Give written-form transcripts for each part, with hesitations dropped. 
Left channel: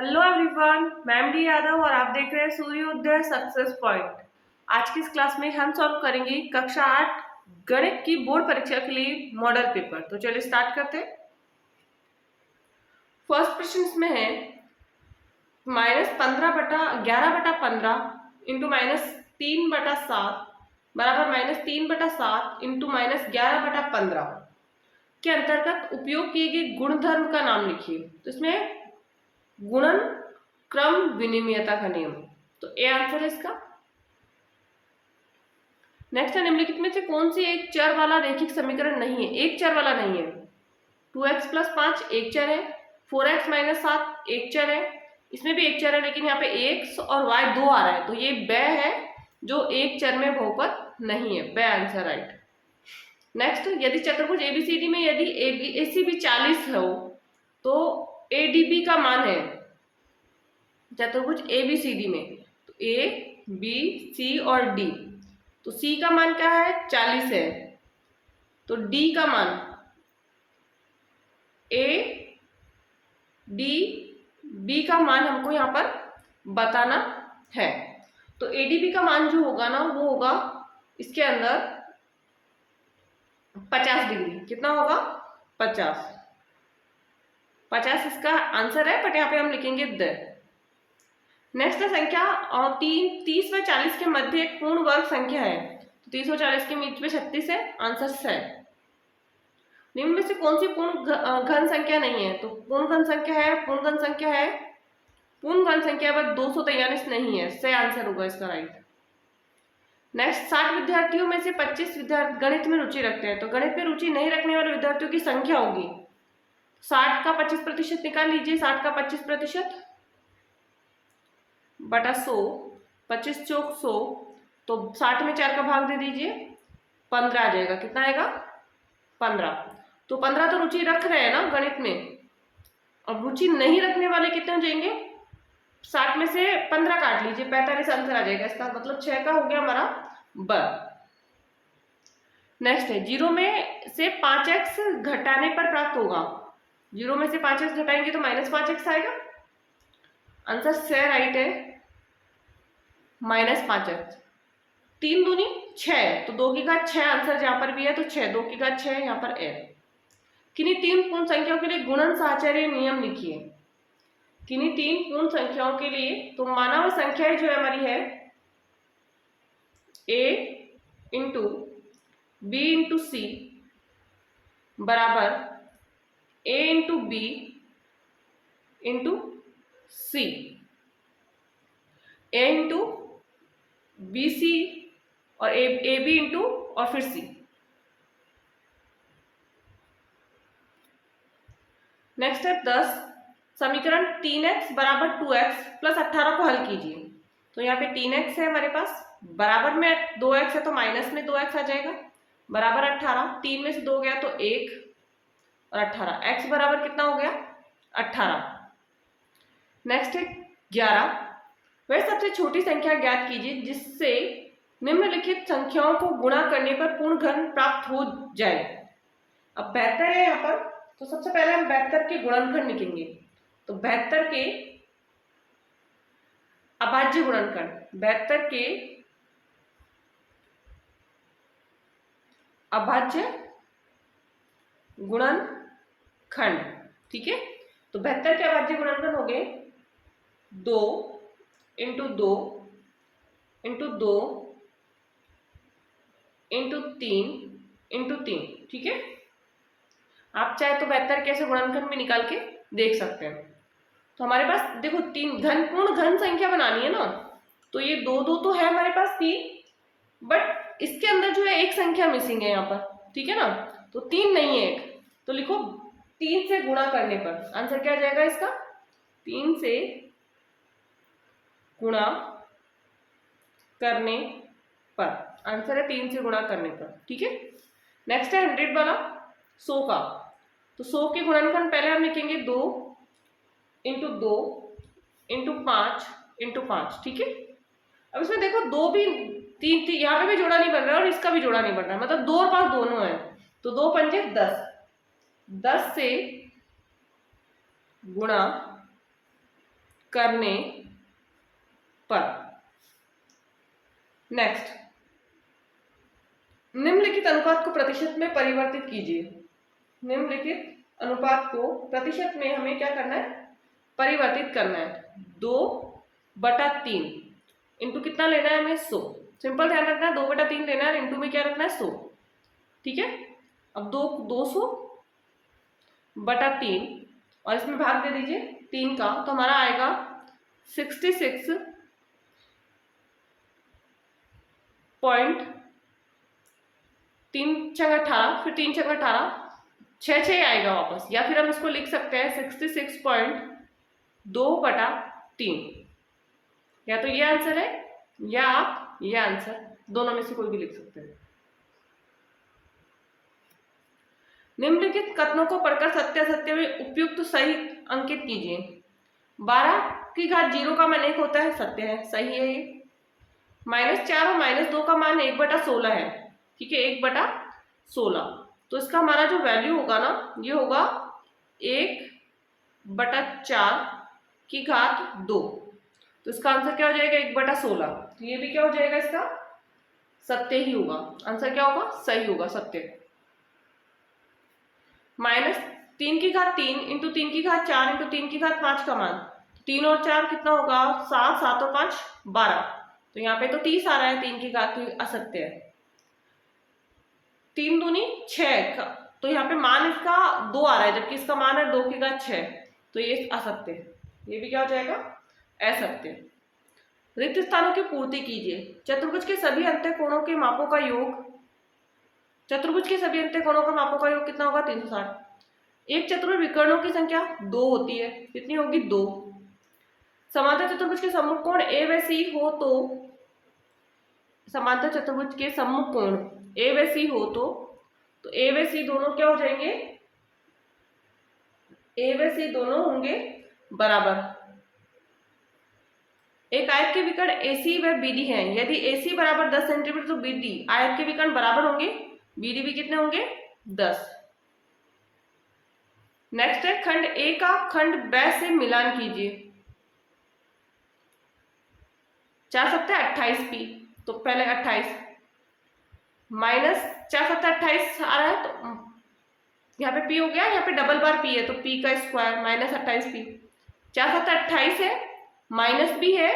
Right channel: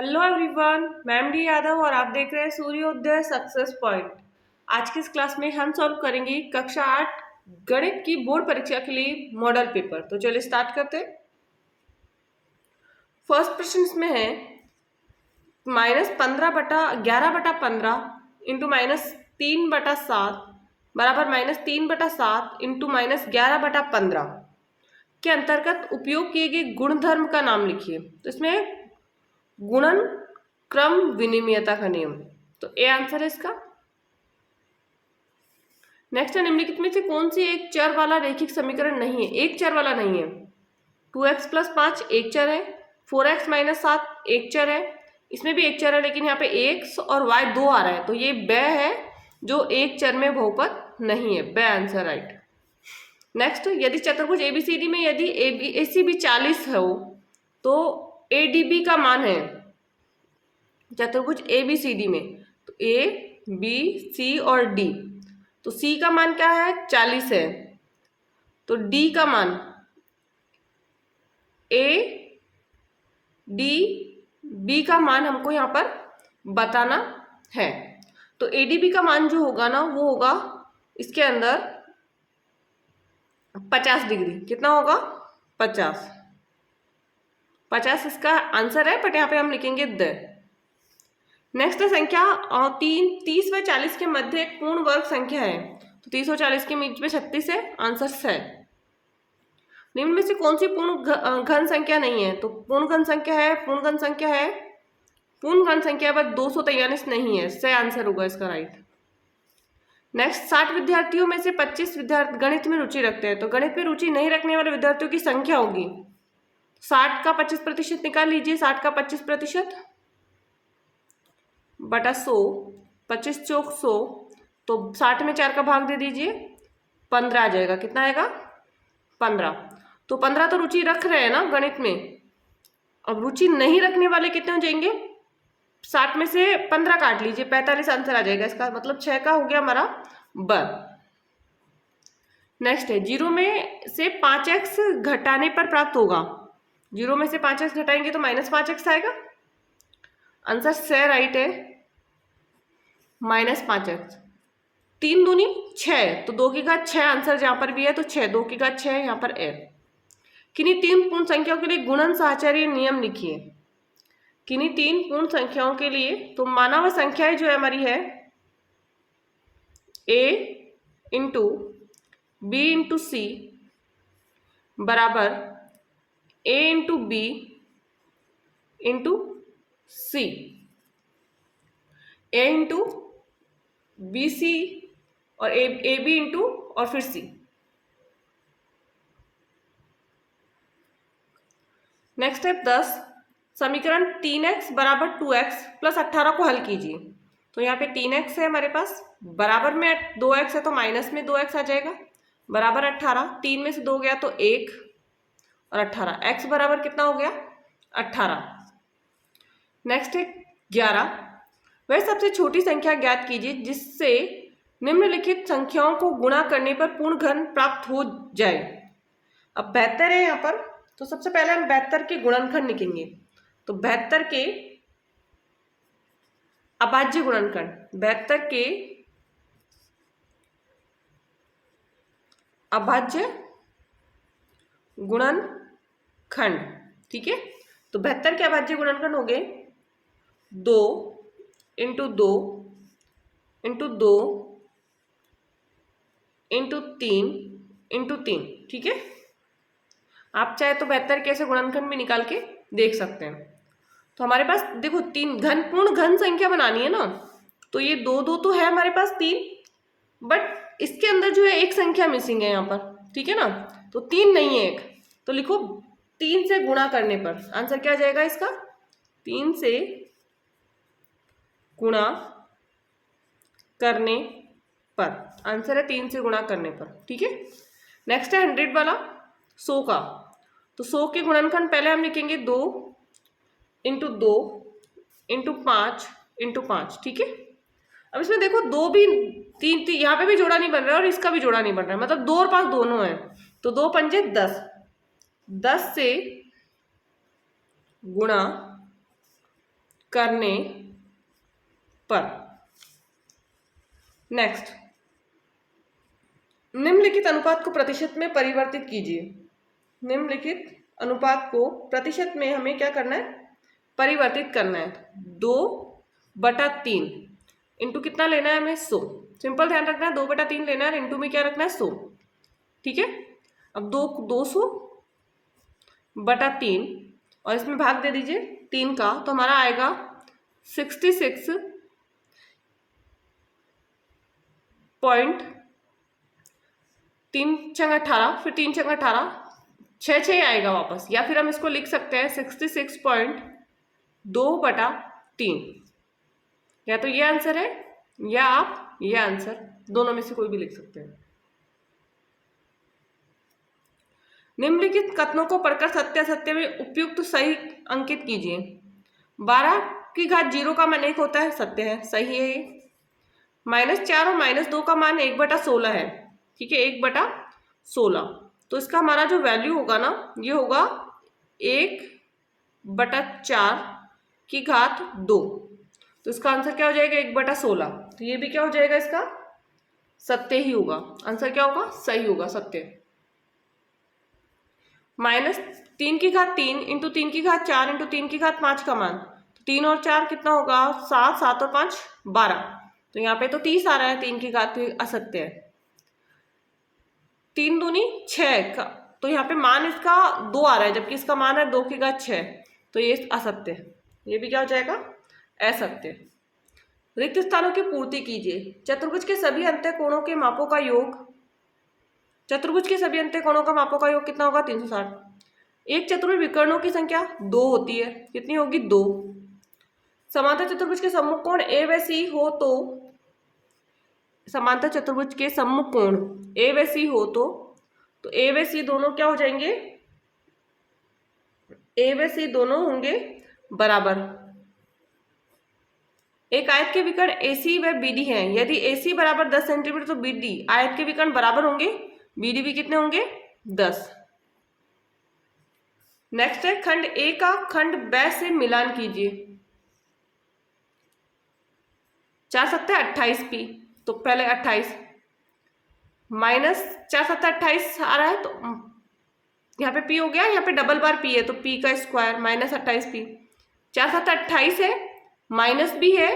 Hello everyone, मैं MD Yadav और आप देख रहे हैं सूर्योदय सक्सेस पॉइंट। आज की इस क्लास में हम सॉल्व करेंगे कक्षा 8 गणित की बोर्ड परीक्षा के लिए मॉडल पेपर। तो चलिए स्टार्ट करते हैं। फर्स्ट क्वेश्चन इसमें है -15/11/15 इंटू -3/7 बराबर -3/7 इंटू -11/15 के अंतर्गत उपयोग किए गए गुणधर्म का नाम लिखिए। तो इसमें गुणन क्रम विनिमयता का नियम, तो ए आंसर है इसका। नेक्स्ट है निम्नलिखित में से कौन सी एक चर वाला रैखिक समीकरण नहीं है। एक चर वाला नहीं है। 2x+5 एक चर है, 4x-7 एक चर है, इसमें भी एक चर है लेकिन यहाँ पे x और y 2 आ रहा है, तो ये ब है जो एक चर में बहुपद नहीं है। ब आंसर राइट। नेक्स्ट, यदि चतुर्भुज एबीसीडी में यदि एसीबी 40 हो तो एडीबी का मान है चतुर्भुज एबीसीडी में, तो ए बी सी और डी, तो सी का मान क्या है 40 है, तो डी का मान ए डी बी का मान हमको यहाँ पर बताना है। तो एडीबी का मान जो होगा ना वो होगा इसके अंदर 50 डिग्री। कितना होगा 50 इसका आंसर है, बट यहाँ पे हम लिखेंगे द। नेक्स्ट संख्या 30 व 40 के मध्य एक पूर्ण वर्ग संख्या है, तो 30 और 40 के बीच में 36 है, आंसर है। निम्न में से कौन सी पूर्ण घन संख्या नहीं है। तो पूर्ण घन संख्या है, पूर्ण घन संख्या है, पूर्ण घन संख्या पर 243 नहीं है, सही आंसर होगा इसका राइट। नेक्स्ट, 60 विद्यार्थियों में से 25 विद्यार्थी गणित में रुचि रखते हैं, तो गणित में रुचि नहीं रखने वाले विद्यार्थियों की संख्या होगी 60 का 25% निकाल लीजिए। 60 का 25% बटा 100, 25 चौक 100, तो 60 में 4 का भाग दे दीजिए, 15 आ जाएगा। कितना आएगा 15। तो 15 तो रुचि रख रहे हैं ना गणित में। अब रुचि नहीं रखने वाले कितने हो जाएंगे, 60 में से 15 काट लीजिए, 45 आंसर आ जाएगा इसका, मतलब 6 का हो गया हमारा ब। नेक्स्ट है 0 में से 5x घटाने पर प्राप्त होगा। 0 में से 5x घटाएंगे तो -5x आएगा, आंसर से राइट है -5x। 3 दूनी 6, तो 2 की घात 6 आंसर जहां पर भी है, तो 6 2 की घात 6 यहाँ पर है। किन्हीं 3 पूर्ण संख्याओं के लिए गुणन साहचर्य नियम लिखिए। किन्हीं 3 पूर्ण संख्याओं के लिए, तो मानव संख्याएं जो हमारी है a into B into C बराबर a into B into C, a into B C और ए बी इंटू और फिर सी। नेक्स्ट है 10, समीकरण 3x बराबर 2x प्लस 18 को हल कीजिए। तो यहाँ पे 3x है हमारे पास, बराबर में 2x है तो माइनस में 2x आ जाएगा, बराबर 18, 3 में से 2 गया तो 1 और 18, x बराबर कितना हो गया 18। नेक्स्ट है 11, वह सबसे छोटी संख्या ज्ञात कीजिए जिससे निम्नलिखित संख्याओं को गुणा करने पर पूर्ण घन प्राप्त हो जाए। अब 72 है यहाँ पर, तो सबसे पहले हम 72 के गुणनखंड लिखेंगे। तो 72 के अभाज्य गुणनखंड, 72 के अभाज्य गुणनखंड, ठीक है। तो 72 के अभाज्य गुणनखंड हो गए 2 इंटू 2 इंटू 2 इंटू 3 इंटू 3, ठीक है। आप चाहे तो 72 कैसे गुणनखंड भी निकाल के देख सकते हैं। तो हमारे पास देखो 3 घन पूर्ण घन संख्या बनानी है ना, तो ये 2 2 तो है हमारे पास 3, बट इसके अंदर जो है एक संख्या मिसिंग है यहाँ पर, ठीक है ना, तो 3 नहीं है एक, तो लिखो 3 से गुणा करने पर आंसर क्या आ जाएगा इसका, 3 से गुणा करने पर आंसर है 3 से गुणा करने पर, ठीक है। नेक्स्ट है 100 वाला 100 का, तो 100 के गुणनखंड पहले हम लिखेंगे 2 इंटू 2 इंटू 5 इंटू 5, ठीक है। अब इसमें देखो 2 भी 3 यहाँ पे भी जोड़ा नहीं बन रहा है और इसका भी जोड़ा नहीं बन रहा है, मतलब 2 और 5 दोनों है, तो 2 पंजे 10, 10 से गुणा करने पर। नेक्स्ट, निम्नलिखित अनुपात को प्रतिशत में परिवर्तित कीजिए। निम्नलिखित अनुपात को प्रतिशत में हमें क्या करना है, परिवर्तित करना है। 2/3 इंटू कितना लेना है हमें, 100। सिंपल ध्यान रखना है, 2/3 लेना है, इंटू में क्या रखना है, 100। ठीक है, अब 200/3 और इसमें भाग दे दीजिए 3 का, तो हमारा आएगा 66 पॉइंट 3 छंग 18, फिर 3 छंग 18, 6 ही आएगा वापस। या फिर हम इसको लिख सकते हैं 66.2/3। या तो ये आंसर है या आप ये आंसर, दोनों में से कोई भी लिख सकते हैं। निम्नलिखित कथनों को पढ़कर सत्य असत्य में उपयुक्त सही अंकित कीजिए। 12 की घात 0 का मान 1 होता है, सत्य है, सही है। -4 और -2 का मान 1/16 है, ठीक है, 1/16। तो इसका हमारा जो वैल्यू होगा ना, ये होगा 1/4 की घात 2। तो इसका आंसर क्या हो जाएगा, 1/16। तो ये भी क्या हो जाएगा, इसका सत्य ही होगा। आंसर क्या होगा, सही होगा, सत्य। -3 की घात 3 इंटू 3 की घात 4 इंटू 3 की घात 5 का मान, 3 और 4 कितना होगा, 7, 7 और 5 12। तो यहाँ पे तो 30 आ रहा है, 3 की घात, तो असत्य है। 3 दूनी 6, तो यहाँ पे मान इसका 2 आ रहा है, जबकि इसका मान है 2 की घात 6, तो ये असत्य है। ये भी क्या हो जाएगा, असत्य। रिक्त स्थानों की पूर्ति कीजिए। चतुर्भुज के सभी अंत्य कोणों के मापों का योग, चतुर्भुज के सभी अंत्य कोणों का मापों का योग कितना होगा, 360। एक चतुर्भुज विकर्णों की संख्या 2 होती है, कितनी होगी, 2। समांतर चतुर्भुज के सम्मुख कोण ए व सी हो तो, समांतर चतुर्भुज के सम्मुख कोण ए व सी हो तो ए व सी दोनों क्या हो जाएंगे, ए व सी दोनों होंगे बराबर। एक आयत के विकर्ण AC व BD है, यदि AC बराबर 10 सेंटीमीटर तो BD आयत के विकर्ण बराबर होंगे, BD भी कितने होंगे, 10। नेक्स्ट है, खंड A का खंड B से मिलान कीजिए। 4 7 28P, तो पहले 28 -4 7 28 आ रहा है, तो यहाँ पे P हो गया, यहाँ पे डबल बार P है, तो P का स्क्वायर -28P। 4 7 28 है, माइनस भी है,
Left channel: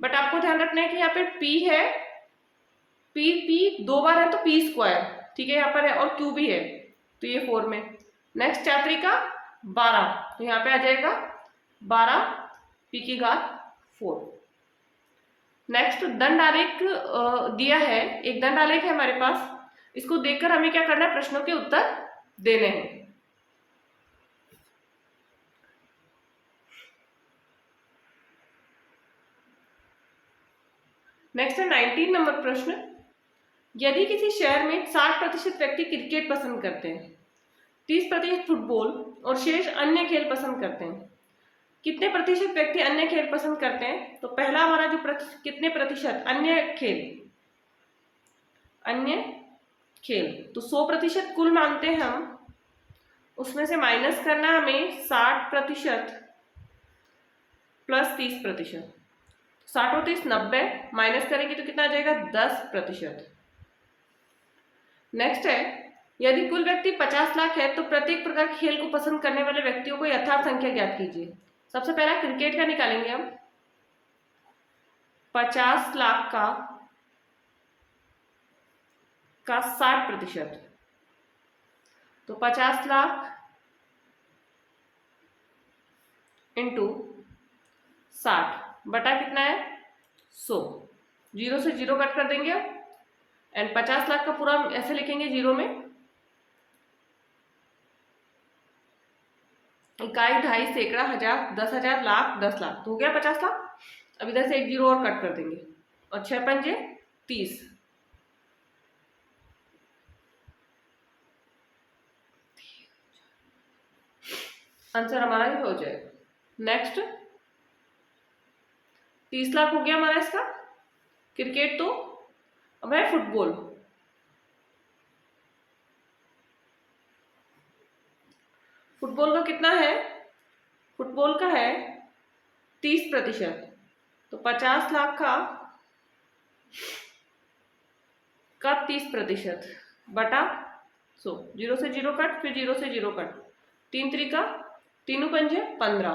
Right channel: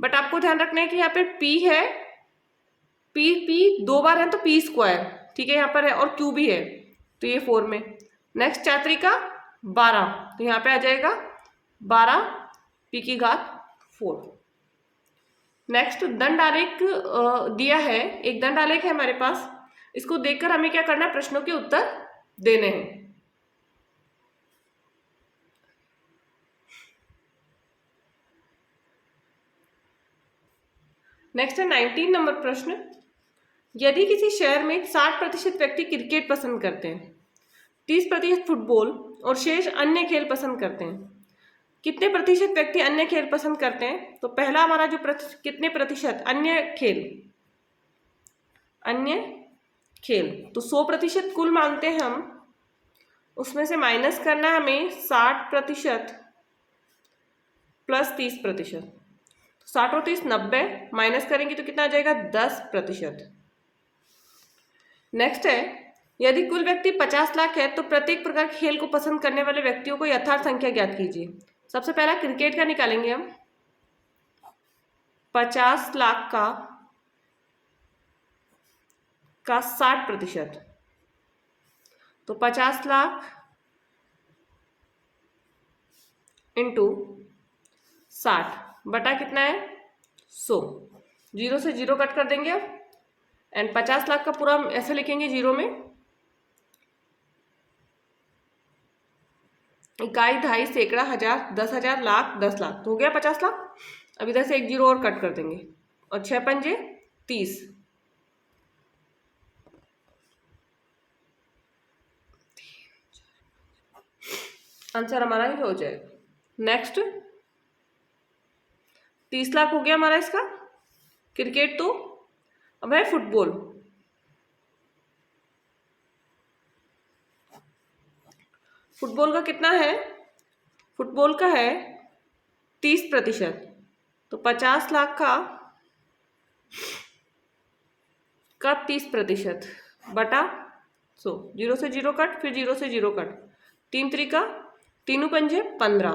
बट आपको ध्यान रखना है कि यहाँ पे P है, P 2 बार है, तो P स्क्वायर, ठीक है, यहाँ पर है, और Q भी है, तो ये 4 में। नेक्स्ट 4 3 का 12, तो यहाँ पे आ जाएगा 12P4। नेक्स्ट दंड आलेख दिया है, एक दंड आलेख है हमारे पास, इसको देखकर हमें क्या करना है, प्रश्नों के उत्तर देने हैं। नेक्स्ट है 19 नंबर प्रश्न। यदि किसी शहर में 60% व्यक्ति क्रिकेट पसंद करते हैं, 30% फुटबॉल और शेष अन्य खेल पसंद करते हैं, कितने प्रतिशत व्यक्ति अन्य खेल पसंद करते हैं? तो पहला हमारा जो कितने प्रतिशत अन्य खेल, तो 100% कुल मानते हैं हम, उसमें से माइनस करना है हमें 60% प्लस 30%। 60 और 30 90, माइनस करेंगे तो कितना आ जाएगा, 10%। नेक्स्ट है, यदि कुल व्यक्ति 50 लाख है तो प्रत्येक प्रकार के खेल को पसंद करने वाले व्यक्तियों को यथार्थ संख्या ज्ञात कीजिए। सबसे पहला क्रिकेट का निकालेंगे हम, 50 लाख का 60%, तो 50 लाख इंटू 60 बटा कितना है, 100। 0 से 0 कट कर देंगे अब, एंड 50 लाख का पूरा ऐसे लिखेंगे 0 में, इकाई, दहाई, सैकड़ा, हजार, 10,000, लाख, 10 लाख, तो हो गया 50 लाख। अब इधर से एक 0 और कट कर देंगे, और 6 पंजे 30, आंसर हमारा ही हो जाएगा। नेक्स्ट 30 लाख हो गया हमारा इसका क्रिकेट। तो अब है फुटबॉल। फुटबॉल का कितना है, फुटबॉल का है 30%, तो 50 लाख का 30% बटा 100, 0 से 0 कट, फिर 0 से 0 कट, 3 त्रिका 3 पंजे 15,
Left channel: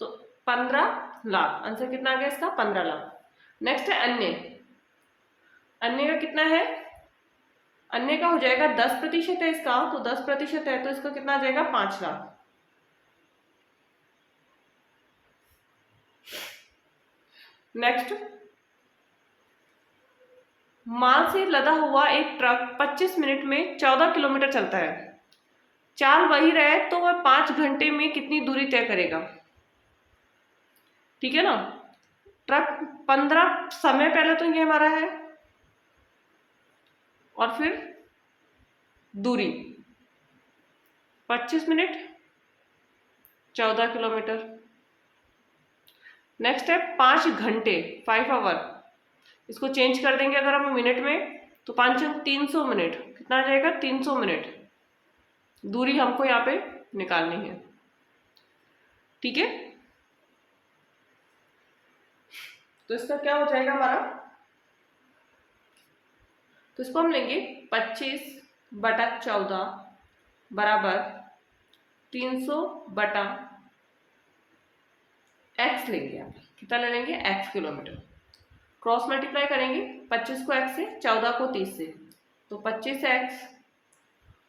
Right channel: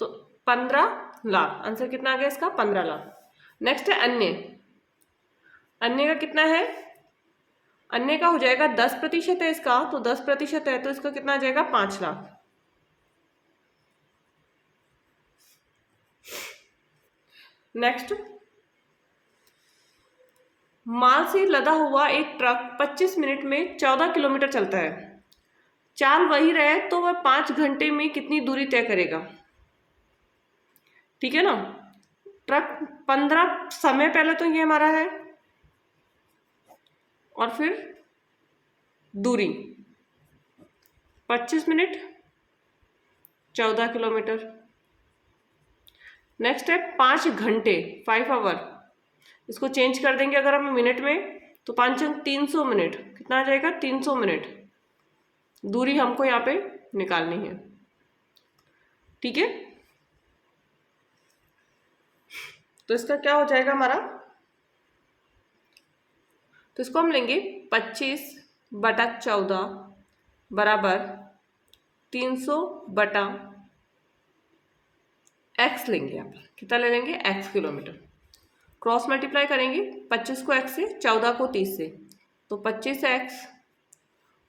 तो 15 लाख। आंसर कितना आ गया इसका? 15 लाख। नेक्स्ट है अन्य। अन्य का कितना है? अन्य का हो जाएगा 10% है इसका, तो 10% है तो इसका कितना आ जाएगा? 5 लाख। नेक्स्ट, माल से लदा हुआ एक ट्रक 25 मिनट में 14 किलोमीटर चलता है। चाल वही रहे तो वह 5 घंटे में कितनी दूरी तय करेगा? ठीक है ना। ट्रक 15 समय पहले तो ये हमारा है, और फिर दूरी 25 मिनट 14 किलोमीटर। नेक्स्ट है 5 घंटे 5 आवर, इसको चेंज कर देंगे अगर हम मिनट में, तो 5 300 मिनट, कितना आ जाएगा? 300 मिनट दूरी हमको यहाँ पे निकालनी है। ठीक है, तो इसका क्या हो जाएगा हमारा? तो इसको हम लेंगे 25/14 बराबर 300/x लेंगे। यहाँ पे कितना ले लेंगे? x kilometre. क्रॉस मल्टीप्लाई करेंगे 25 को x से, 14 को 30 से, तो 25x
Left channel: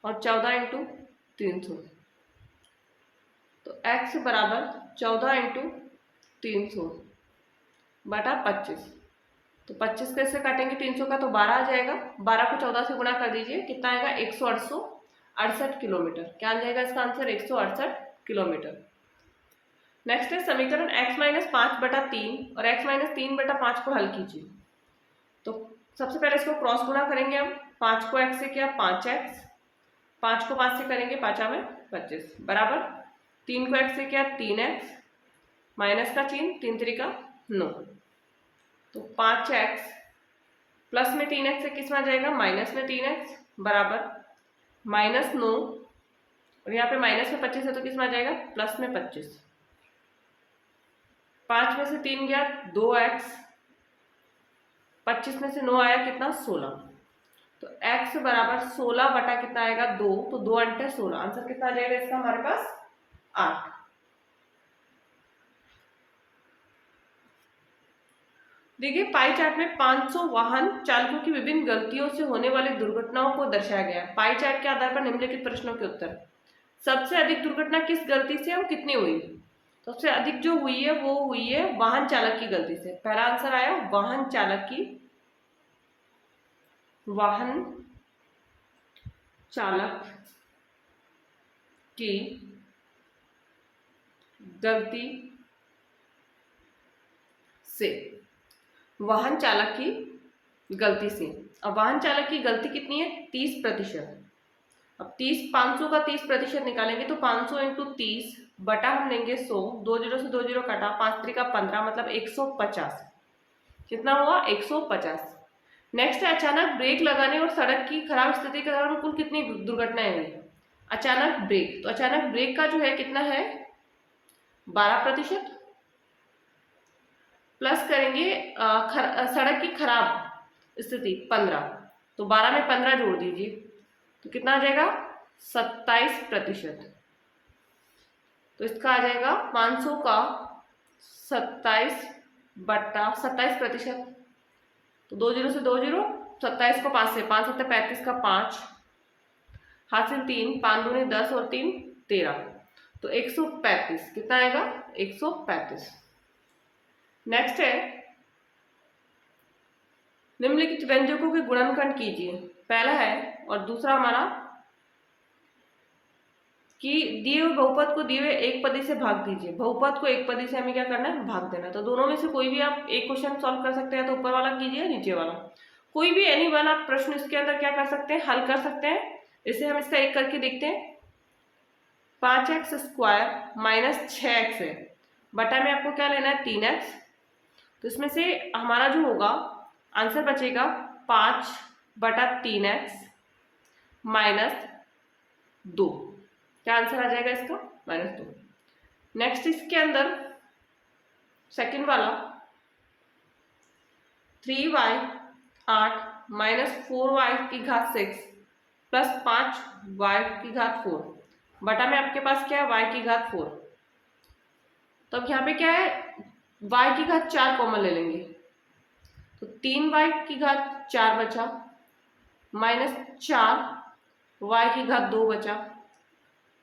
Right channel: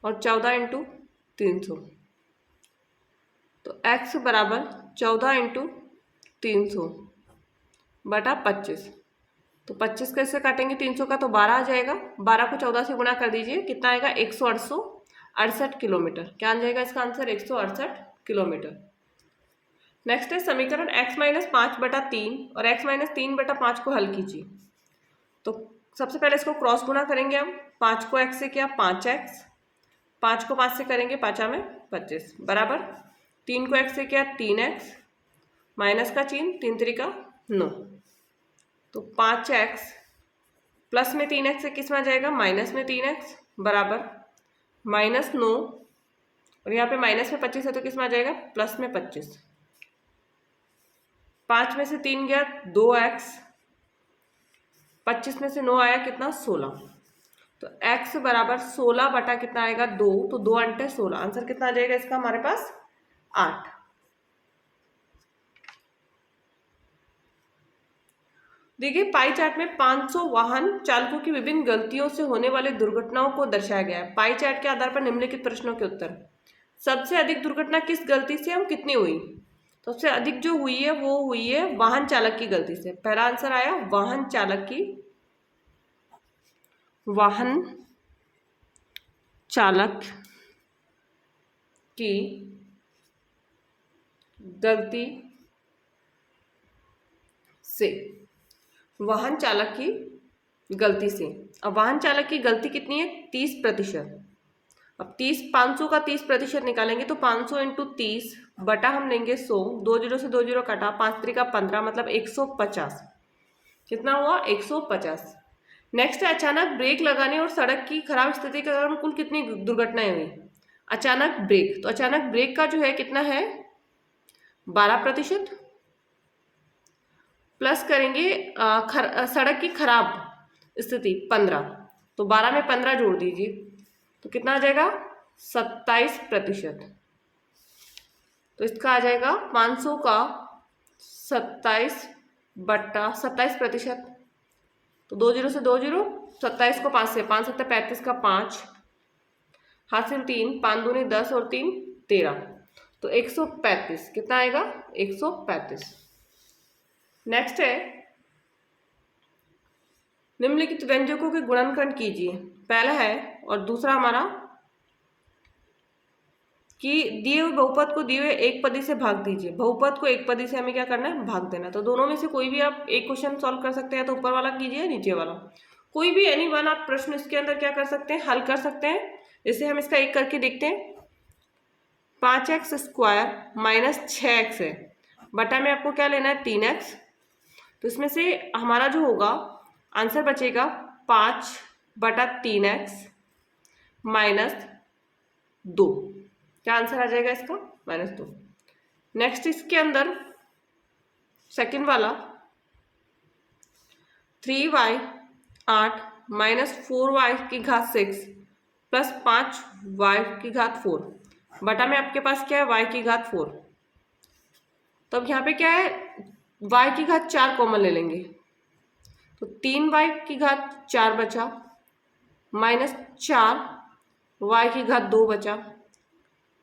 और 14 इंटू 300, तो x बराबर 14 इंटू 300 बटा 25। तो 25 कैसे काटेंगे 300 का? तो 12 आ जाएगा। 12 को 14 से गुणा कर दीजिए, कितना आएगा? 168 किलोमीटर। क्या आ जाएगा इसका आंसर? 168 किलोमीटर। नेक्स्ट है समीकरण x माइनस 5/3 और x माइनस 3/5 को हल कीजिए। तो सबसे पहले इसको क्रॉस गुणा करेंगे हम। 5 को x से किया 5x, 5 को 5 से करेंगे 5 में 25 बराबर 3 को x से किया 3x, माइनस का चिन्ह, 3 त्रिका 9, तो 5x प्लस में 3x से किस में आ जाएगा? माइनस में 3x बराबर -9, और यहाँ पे माइनस में 25 है तो किस में आ जाएगा? प्लस में 25। 5 में से 3 गया 2x, 25 में से 9 आया कितना? 16, तो x बराबर 16 बटा कितना आएगा? 2, तो 2 अंटे 16। आंसर कितना आ जाएगा इसका हमारे पास? 8। देखिए पाई चार्ट में 500 वाहन चालकों की विभिन्न गलतियों से होने वाली दुर्घटनाओं को दर्शाया गया है। पाई चार्ट के आधार पर निम्नलिखित प्रश्नों के उत्तर। सबसे अधिक दुर्घटना किस गलती से और कितनी हुई? सबसे अधिक जो हुई है वो हुई है वाहन चालक की गलती से। पहला आंसर आया वाहन चालक की गलती से। वाहन चालक की गलती से। अब वाहन चालक की गलती कितनी है? 30%। अब 500 का 30% निकालेंगे तो 500 इंटू 30 बटा हम लेंगे 100, 2 0 से 2 0 कटा, 5 3 का 15 मतलब 150। कितना हुआ? 150। नेक्स्ट है अचानक ब्रेक लगाने और सड़क की खराब स्थिति के कारण कुल कितनी दुर्घटनाएं हुई? अचानक ब्रेक, तो अचानक ब्रेक का जो है कितना है? 12%, प्लस करेंगे सड़क की खराब स्थिति 15, तो 12 में 15 जोड़ दीजिए तो कितना आ जाएगा? 27%। तो इसका आ जाएगा 500 का 27%, तो 2 0 से 2 0, 27 को 5 से, 5 7 35 का 5, हाथ से 3, 5 दूनी 10 और 3 13, तो 135। कितना आएगा? 135। नेक्स्ट है निम्नलिखित व्यंजकों के गुणनखंड कीजिए। पहला है और दूसरा हमारा कि दिए हुए बहुपद को दिए हुए एक पदी से भाग दीजिए। बहुपद को एक पदी से हमें क्या करना है? भाग देना। तो दोनों में से कोई भी आप एक क्वेश्चन सॉल्व कर सकते हैं, तो ऊपर वाला कीजिए, नीचे वाला कोई भी एनी वन आप प्रश्न इसके अंदर क्या कर सकते हैं? हल कर सकते हैं। इसे हम इसका एक करके देखते हैं। 5x² माइनस 6x है, बटा में आपको क्या लेना है? 3x। तो इसमें से हमारा जो होगा आंसर बचेगा 5/3x माइनस 2। क्या आंसर आ जाएगा इसका? -2। नेक्स्ट इसके अंदर सेकंड वाला 3y 8 -4y की घात 6 प्लस 5y की घात 4 बटा में आपके पास क्या है y की घात 4। तो अब यहाँ पे क्या है y की घात 4 कॉमन ले लेंगे तो 3y की घात 4 बचा -4y की घात 2 बचा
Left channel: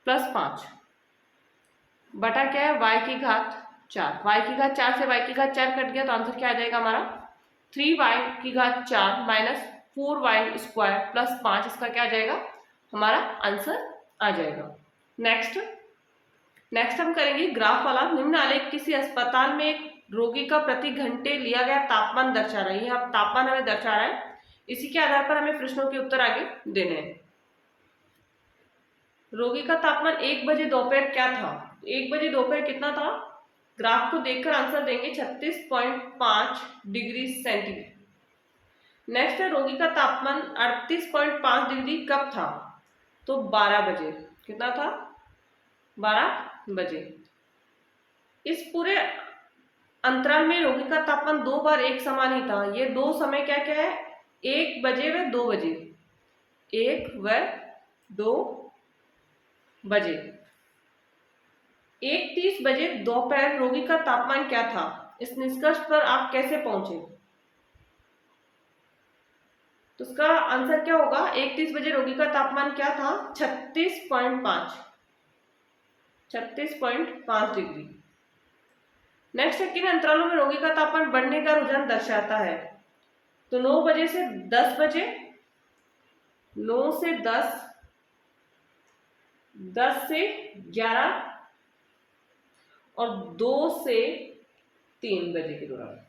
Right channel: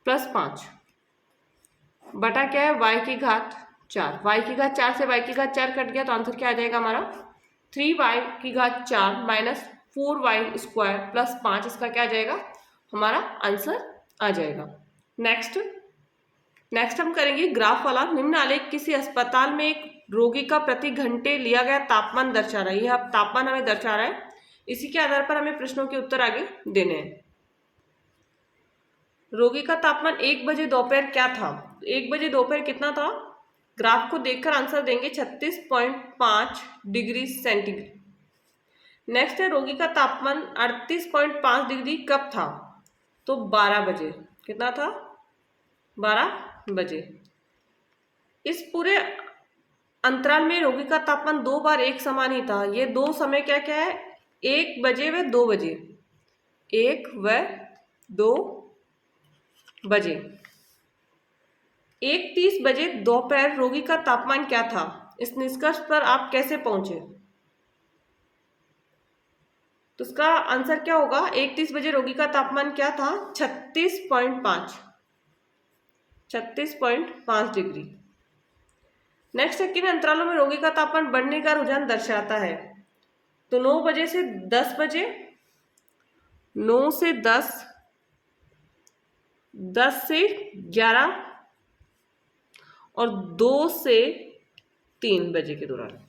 प्लस 5 बटा क्या है y की घात 4। y की घात 4 से y की घात 4 कट गया तो आंसर क्या आ जाएगा हमारा 3y की घात 4 -4y स्क्वायर प्लस 5। इसका क्या आ जाएगा हमारा आंसर आ जाएगा। नेक्स्ट हम करेंगे ग्राफ वाला। निम्न आलेख किसी अस्पताल में एक रोगी का प्रति घंटे लिया गया तापमान दर्शा रहा है। यह तापमान हमें दर्शा रहा है, इसी के आधार पर हमें प्रश्नों के उत्तर आगे देने हैं। रोगी का तापमान 1 बजे दोपहर क्या था? 1 बजे दोपहर कितना था? ग्राफ को देखकर आंसर देंगे 36.5 डिग्री सेंटीग्रेड। नेक्स्ट है रोगी का तापमान 38.5 डिग्री कब था? तो 12 बजे। कितना था? 12 बजे। इस पूरे अंतराल में रोगी का तापमान 2 बार एक समान ही था। ये दो समय क्या क्या है? 1 बजे व 2 बजे। 1 व 2 बजे। 1:30 बजे दोपहर रोगी का तापमान क्या था? इस निष्कर्ष पर आप कैसे पहुंचे? तो इसका आंसर क्या होगा? 1:30 बजे रोगी का तापमान क्या था? 36.5 डिग्री। नेक्स्ट है किन अंतरालों में रोगी का तापमान बढ़ने का रुझान दर्शाता है? तो 9 बजे से 10 बजे, 9 से 10, 10 से 11 और 2 से 3 बजे के दौरान।